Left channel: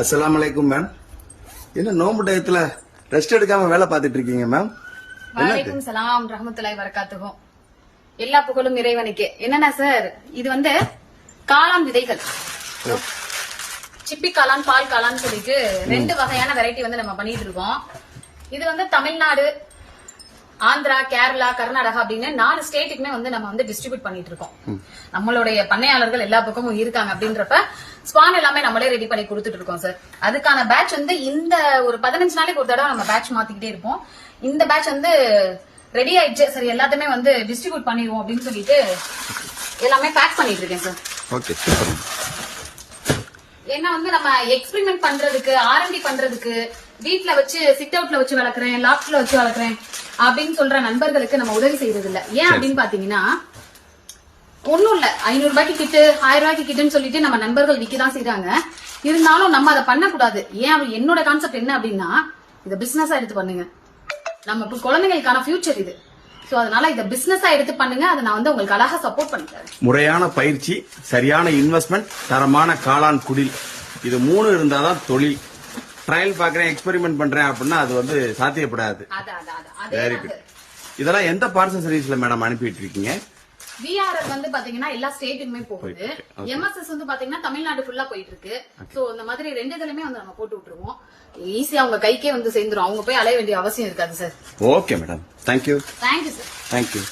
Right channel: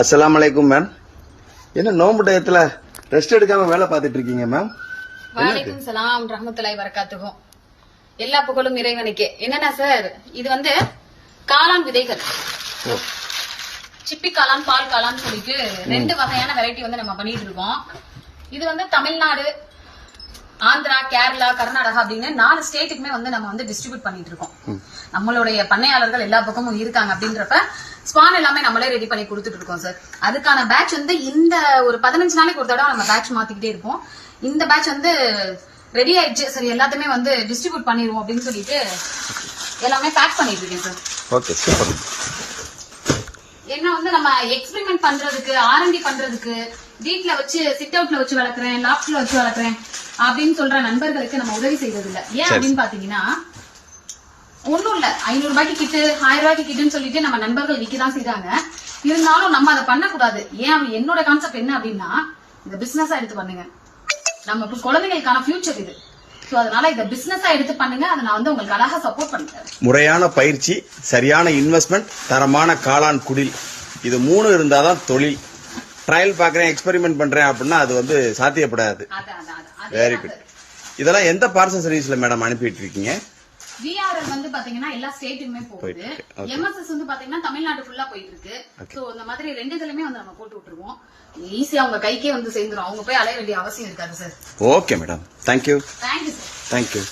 அஸ்ஸலாமு அலைக்கும் மேம். என்ன நோம்பு டயத்துல ரெஸ்ட் எடுக்காம வேலை பார்த்துட்டு இருக்கீங்க மேம்? வலைக்கும் சலாம் ரஹ்மத்துல்லாஹி வரகாத்துஹு. எல்லா புகழும் இறைவனுக்கே. என்னன்னா சார், இது வந்து காளான் விதைகள், சிப்பி காளான், பால் காளான் சொல்லிட்டு 2 வகையான வெரைட்டி வந்து நம்ம பண்ணிட்டு இருக்கோம். இது வந்து தமிழ்நாடு, ஆந்திரா, கேரளா, கர்நாடகா அப்படின்னு 4 ஸ்டேட்டுக்குமே வந்து நம்ம வந்து டிஸ்ட்ரிபியூட் பண்ணிட்டு இருக்கோம். நம்மளுடைய பண்ணையாளர்கள் எல்லா பக்கமும் இருக்காங்க. அப்படின்றப்ப ஸ்பான் எல்லாமே நம்மளே ரெடி பண்ணி கொடுத்துட்டு இருக்கோம் சார். அதுக்கான பேட்ச் வந்து இந்த ஒரு 15 நாளைக்கு ஒரு தடவை நம்ம பேட்ச் மாத்திக்கிட்டே இருப்போம். இந்த பேட்ச் வந்து ரெடி ஆயிடுச்சு சரி, எல்லாத்தையுமே வந்து டிஸ்ட்ரிபியூட் பண்ணிடுவோம் அப்படின்னு சொல்லிட்டு எல்லாமே பேக் பண்ணிட்டு இருக்கேன் சார். Okay, super. ஏன்னா வந்து நம்ம எக்ஸ்பெரிமெண்ட் பண்றதுக்கு, ஆர்என்டி பண்றதுக்கு, வீட்ல வச்சு சிட் அவுட்ல வச்சு வளர்க்குறேன், லாப்ட்ல வச்சு வளர்க்குறேன் அப்படின்னு சொல்ற நண்பர்களுக்கு நம்ம உதவி செய்யறது இல்ல. ஏன் அப்படின்னு பாத்தீங்கன்னா, ஒண்ணும் இல்ல, 500 ரூபாய்க்கு கிட்டு, 1000 ரூபாய்க்கு கிட்டுன்னு சொல்லிட்டு நம்ம நண்பர்கள் விற்கதான் செய்யறாங்க. இருந்தாலும் நம்ம அதை பண்ணக்கூடாது. ஏன் என்னோட கான்செப்ட் என்ன அப்படின்னா, இதை பிசினஸா எடுத்து பண்ணுங்க. நம்ம இப்ப குழந்தைகளுக்கான ஃபியூச்சர் இது. சோ அதனால இதை பிசினஸா எடுத்து பண்ணுங்க. அதை நான் வந்து உங்களுக்கு அழகா சப்போர்ட் பண்றேன். முறையான பயிற்சி, சரியான இன்வெஸ்ட்மெண்ட், தரமான காளான் குடில், இது 3 இருந்தாதான் தொழில். ட்ரையல் பாக்குறேன், எக்ஸ்பெரிமெண்ட் பண்றேன் அப்படின்னா அது வந்து சாத்தியப்படாது. Very good. இதெல்லாம் எந்த பார்சல் சர்வீஸ்ல மேடம் அனுப்பிட்டு இருக்கீங்க? விஆர்எல் வந்து பாத்தீங்கன்னா எல்லா ஸ்டேட்டுக்குமே போகுது. எம்எஸ்எஸ் வந்து பாத்தீங்கன்னா தமிழ்நாடு ஃபுல்லா போயிட்டு இருக்கு. சோ இந்த மாதிரி 2 இதுலயுமே வந்து நம்ம போட்டு விட்டுருவோம். ஈஸியா அவங்க கைக்கே வந்து சேர்ந்துரும். அவங்க போய் அலைய வேண்டிய அவசியம் இருக்காது sir. Okay madam, thank you. Thank you sir. Thank you.